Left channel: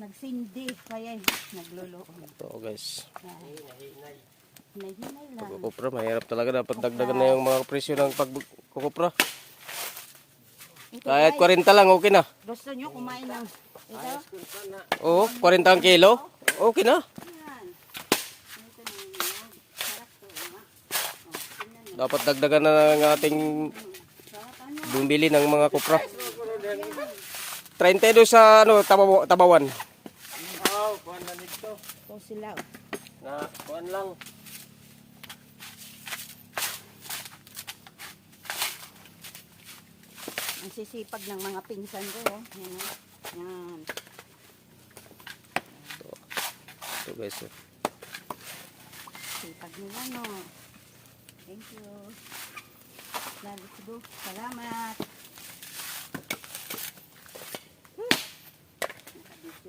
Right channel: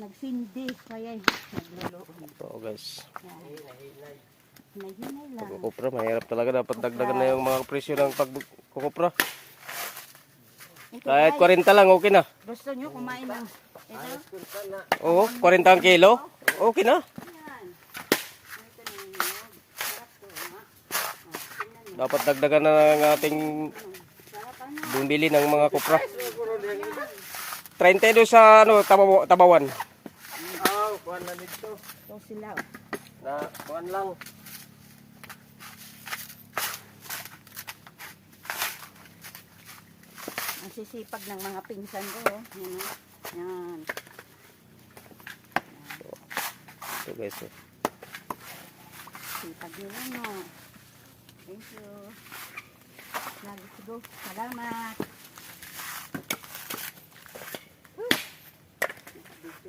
Nagsindi, kaya nagluluon. Oo guys. Hinay-hinay lang. Pagkukupra, mahirap talaga. Dapat dagdagan na yung mga presyo ng pagkukupra. Kahit 40 lang, okay na. Gusto nyo kumain ng ito? Oo, 40 ang kilo. Okay na. Yan. Ito na yung nyog. Sarap to, ha? Tingnan nyo. Dapat dagdagan na ng ating Sarap ano? bumili ng mga kupra. 32 sa tabawan. Kuhan na dito. Ito sila. Na, kuhan lang. Ang sisipag ng mga pinsan ko. Oh. Yan. Oh. Yan. Ito guys. Sipag nila, no? Thank you. Let's go. Salamat.